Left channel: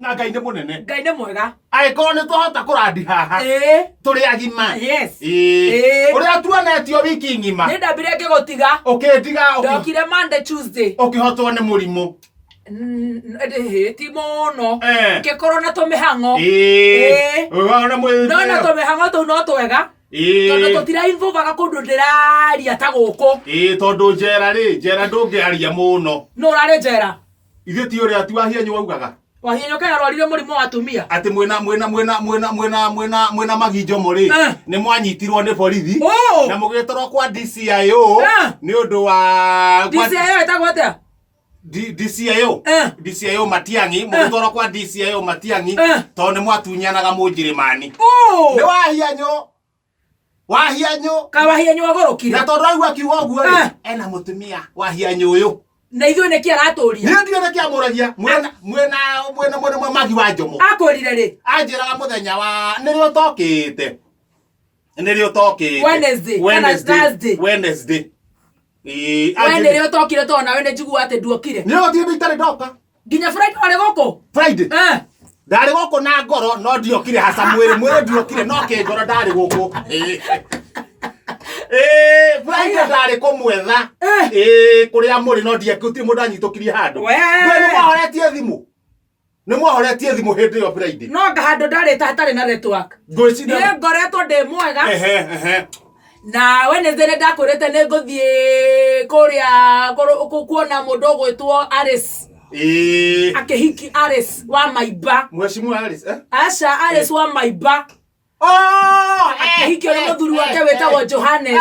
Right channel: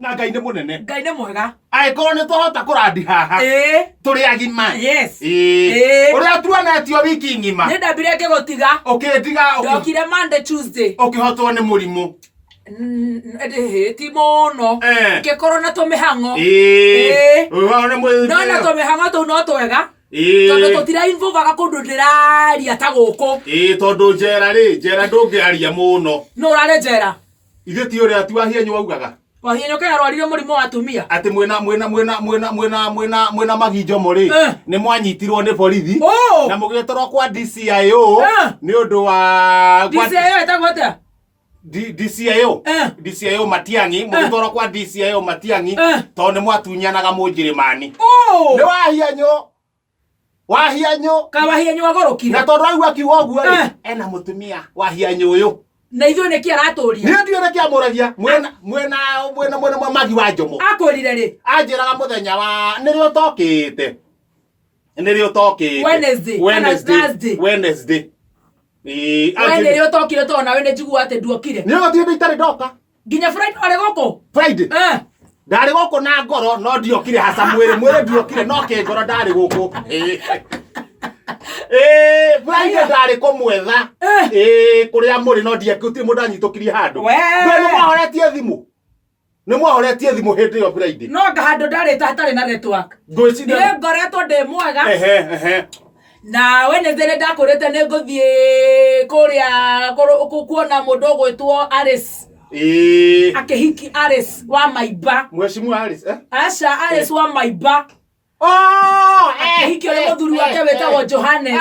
Na Ngai nĩ mũnene. Ngai nĩ mwega. Angĩkorwo nĩ twahota kũrandi haha. Tũrĩ agima. Yes. Ũrĩa tuonetio wiki ng'ima. Nĩ ndambire ngĩgũtiga. Ũkĩndiga. Ndokire Monday Tuesday. Ũkĩhotwo nĩ mũrimũ. Ti mũno. Ngĩkorwo na tũmĩhang'o. No na tũmĩhang'o tũu no twega. Tondũ tũtirainvolvaga kũndũ ndĩraria ta gũkũ. Tondũ njera ndũngĩaria mũno. No ũrarĩ njera. Ithuĩ ti ũrĩa Wahianyũ waugaga. Wahianyũ kaĩ arwarire mũrimũ wa atumia. Atĩ mwĩna maginjomo rĩ nĩ mwanyitirwo nĩ borithi na mũgĩtwarwo kwa DCIO nĩ ũndũ wa DCIO ĩtagwo atĩa? DCIO Matiang'i mũgĩtwarwo kwa DCIO Matiang'i tondũ nĩ mwatunyanaga Mũnjĩrĩmani. Nĩ Wahianyũ kaĩ Wahianyũ agorokire na tondũ aigua akiuga ũguo rĩ ena mũtumia Wahianyũ ũyũ. Na ithuĩ nĩkĩ aratũria? Niĩ ndiũĩ nĩkĩ amũragia mwĩna Magi wa Njomo. Akwĩrire rĩ? Anjĩraga mũthenya wa nĩrĩo tokĩte. Wednesday. Nĩrĩo tokire tondũ nawe nĩ njiguaga atĩ nduokire. Nĩ ũgũthiĩ itarĩ ndoka. Nginya Friday warĩ gũkũ? Friday. Ndarĩ gũkũ na ngoro no ndiokire haca mwĩrĩ ndiokire no kĩngoro ndarĩ gũkũ. Friday ndarĩ kũmwetha. Kũrĩa mũrĩ no ndiekũti mũndũ anyitũkirie handũ. Nĩ mwahoretie thimũ hĩndĩ ĩyo Friday. No handũ ndarĩ hatarĩ na network. Ngwĩciria nĩ ngoretwo ndĩ mwega. Na Wednesday nĩ ndakwĩrĩte nĩ ngũthiĩ kũrĩa kuona mũndũ ũgwĩtwo Alice. Akĩhiki Alice wa Maimba. Mheshimiwa Alice Aca Alice wa Maimba. Akĩhikio nĩ mũthuri wake wĩtagwo Johannes.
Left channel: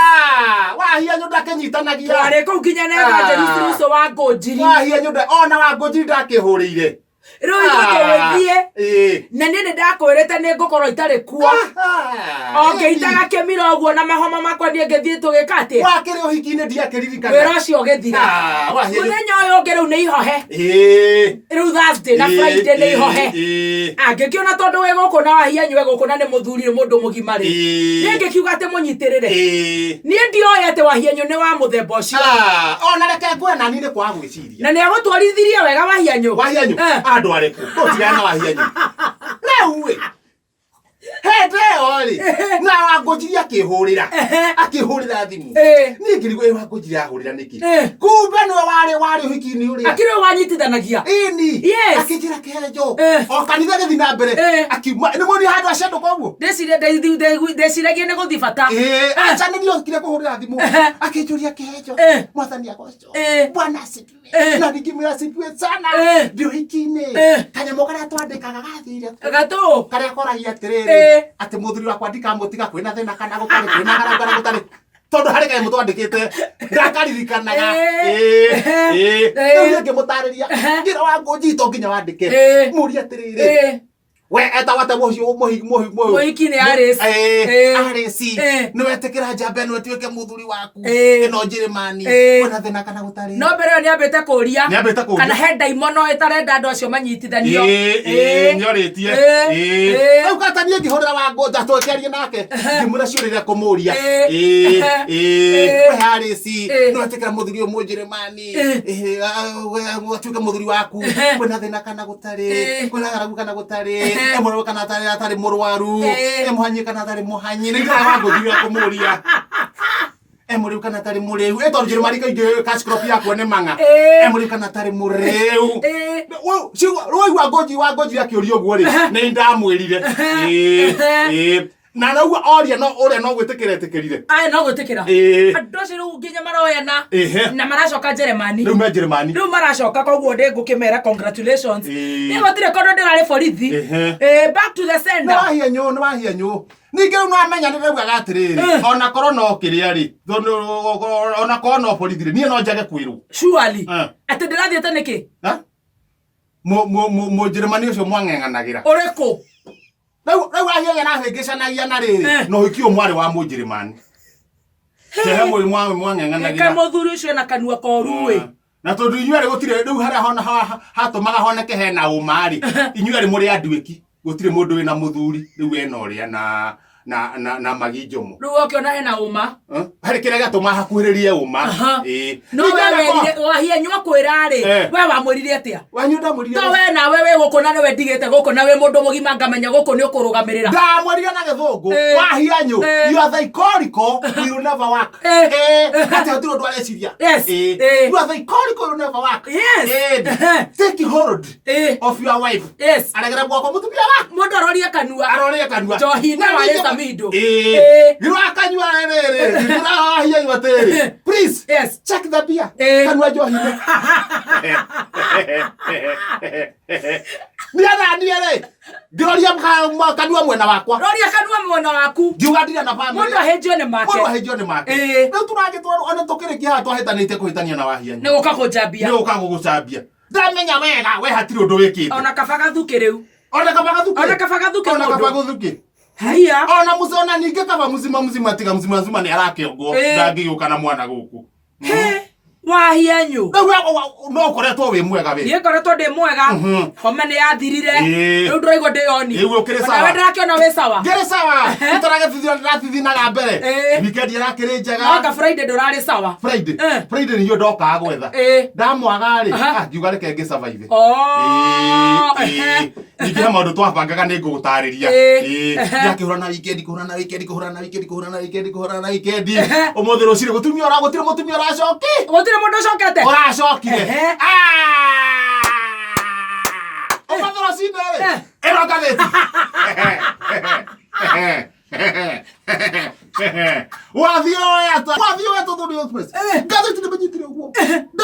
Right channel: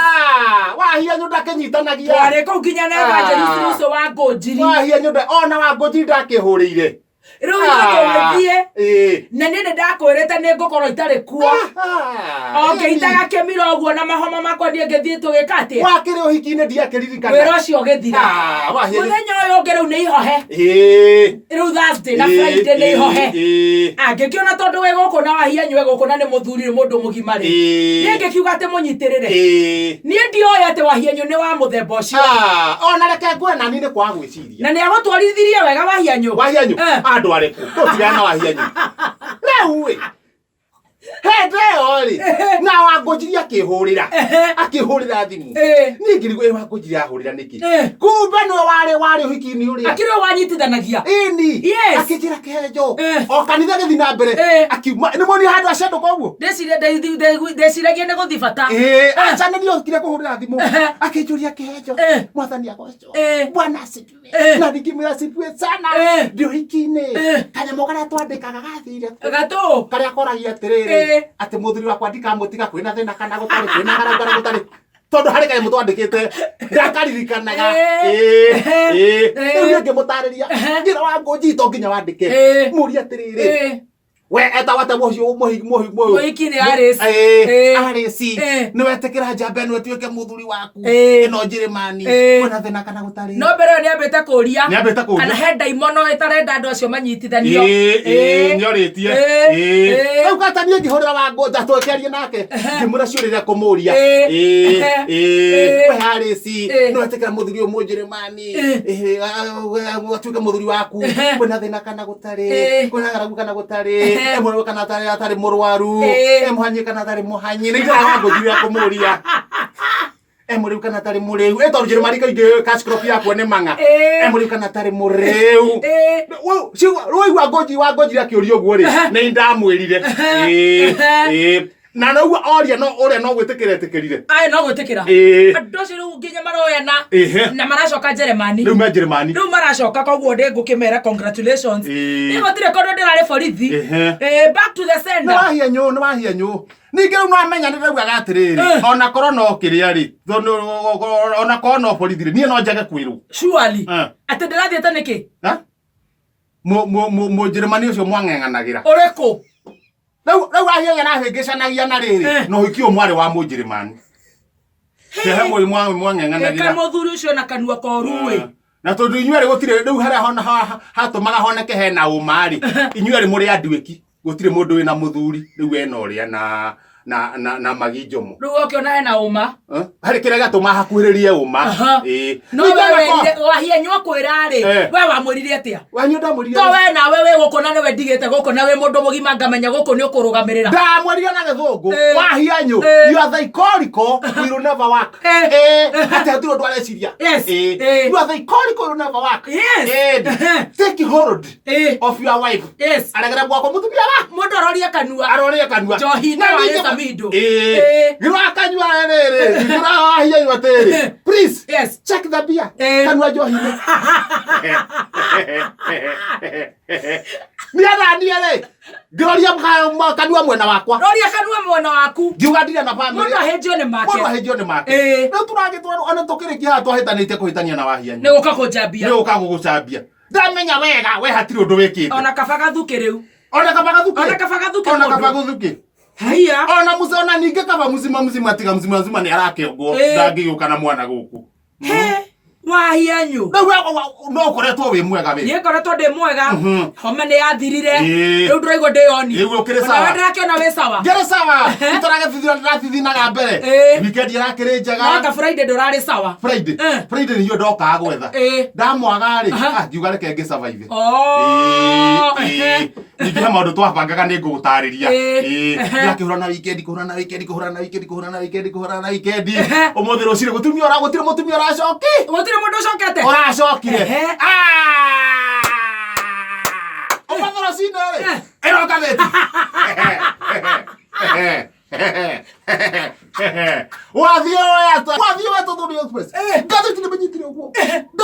Wahianyũ ndakĩnyitanagia. Twarĩ kũu nginya na Evangelist Russo wa Ngũnjiri. Wahianyũ ona wa Ngũnjiri ndakĩhũrĩire. Rĩu nĩtũgĩthiĩ na niĩ nĩndakwĩrĩte nĩngũkorwo itarĩ kuo. Ngĩitaga kĩmira ũguo na mahoma makwa niĩ ngĩthiĩ tũgĩka atĩa. Wakĩrĩ ũhiki-inĩ ndiakĩririkana. Wĩra ũcio ũgĩthira. Mũthenya ũyũ ũngĩ rĩu nĩ ihohe. Rĩu Thursday na Friday nĩ ihohe. Ngĩkĩona tondũ wĩ gũkũ na Wahianyũ wĩ gũkũ na nĩ mũthuri mũndũ mũgima rĩ. Niĩ ngĩkiuga atĩ mũnyitĩrĩre. Niĩ ndioĩ atĩ Wahianyũ nĩ wa mũthemba ũcio. Ona reke ngwe nani nĩ kwa gwĩciria. Na nĩ agũtwarithirie wega Wahianyũ. Andũ arĩkũ tũtigana na Wahianyũ. Rĩu wĩ hĩndĩ ĩyo rĩ na Wangũnjiri akĩhũrĩra thimũ. Niĩ ngĩrigwo Wangũnjiri ahũrĩra nĩkĩ. Kumbe nĩwe warĩ ũhiki-inĩ ũrĩa. Akĩrĩ o wanyitithanagia. Akĩnjĩra kĩhenjo o kanitha gĩthiĩ na mbere akiuma nĩ muonire handũ acendũka ũguo. Ndeciragia nĩ gũthiĩ bata. Aca nĩ ndiokire kũhũrĩra thimũ akĩnjũria kĩhenjo Mwathani agocwo Bwana asifiwe. Na ngĩmwĩra asifiwe sana ndĩ ũhiki-inĩ kanyamũ karĩa twandĩkaga gathire gatũ karĩa koragia atĩrĩrĩ atĩ mũthuri wakwa ndikamũtiga kwĩna thĩna kana gũtarĩ kwĩna harambara gũtarĩ tondũ harĩ kanyamũ twandĩkĩte ndakaririkanaga. Rĩu ngĩmũtarĩria njĩra Wangũnjiri to nginya wandĩke mũria atĩrĩrĩ we etawate mũhiki nĩ Alice nĩwetĩkĩra njamba ĩno ĩtuĩke mũthuri waku ĩno Njĩrĩmani kwĩna thĩna kana gũtarĩ. No mbere ĩyo nĩambĩte kũũria kana he ndaimono ĩtarenda andũ acio manyitithanio. Nĩorĩtie rĩu kata niĩ ngĩhũrĩra Wangũnjiri twĩkĩarie nake ngĩmũra ciũria iria kũmũria. We Alice nĩwetĩkĩra mũthuri ũyũ Mũnjĩrĩmani atuĩke mũthuri waku kwĩna thĩna kana gũtarĩ kwĩna ng'aragu kana gũtarĩ emwe kana atarĩ mũrwaru emũhanyi kana atarĩ mũhanyi nĩ njĩra Wangũnjiri ya kũmũria emũrĩu kana atarĩ mũrĩu tondũ Njĩrĩmani kaingĩ cash-crop yakwo nĩ mang'a emũrĩu kana atarĩ mũrĩu. Rĩu Wangũnjiri akĩũria ũguo rĩ nĩ ndamwĩrire na noguo oria no ũrĩa no gwĩtĩkĩra etĩkĩrire. No gwĩtĩkĩra. Andũ acio rĩu nginya maroyana na maracoka Njĩrĩmani. Rĩu me Njĩrĩmani. Rĩu maracoka koguo ndĩ ngũkĩmera congratulations. Nĩ gũtirĩ kũndũ ndĩrarĩ borithi. Back to the sender. Nĩ Wahianyũ. Ningĩ rĩu no amenya nĩ raugaga atĩrĩrĩ ona korwo no kĩrĩa rĩ ona korwo no borithi rĩ niĩ no njage kwĩrwo. Surely. Atĩ ndĩrathiĩte nĩkĩ? Mũnjĩrĩmani ũcio mwang'eng'anagĩra. Ũrĩkũ? Rĩu Wahianyũ arahĩngĩcanagia na rĩrĩ no ũhiki ũyũ mwarĩ wa Mũnjĩrĩmani. He mwang'eng'anagĩra. Mũthuri ũcio na kanua koru ĩ. Na tondũ inyuĩ gũtirĩ rĩu harĩa hatũmaga honeke hena ũma rĩ inyuĩ mũrĩ anduĩki gũtirĩ mũndũ wĩna mũthuri rĩu ena ũrĩa na magijomo Riu ukiona hena uma hari kire gatuma hakuhiririe uma no wewe wahia nywa kwira ri we wamwiririe atia wanyu ndamwiririe to we na wewe gukona no we ndigite gukona we mundu mugima ngamenya guku ni ukurugamirira ndamwiririe na githungu wahia nyu you are psychorical will never work ati atiro ndwareciria you are psychorical will never work take hold of your wife aregera gwako mutumia wa mundu aroria kanua johi na wale samido giro akanyua rere giro ahia yu atere please check the beer kanua johi niana niere giroria kanua mwena wakwa roria kanua mwena waku giuga ndia na family mundu ahejio ni make no turagitwa ona tukirikia hatu ahitanite kuhitania na wahia ni ukakujambia ndamenya wega we hatiri undu wikite ona kabaga thuki riu ona kabaga thuki haya ona musona ninge kaba muzima tiga muzima ni arakengwo ndangiuka na mwana guku wahia nyu no koretwo wi mwega we ye koretwo ndi mwega homa ni yathirire riu ndiraigwa ndiyoni riu ukire sawa na ndirakiona we sawa ngere sawa itarage thithinaga mbere weekend irakiri njega waka Friday ndurari sawa Friday niyo ndoka gwetha ndamwaga ri ngiuga reke ngi survive ningi ha maundu twabangaga ni ngugutariria ndakihura na weekend kuhura na weekend umuthi ruciri gutire mutumia uracoki mundu cokete uracokire omathora cinere eroka geti wathio ya to wathio ya to do express gathiti ni menyitire guo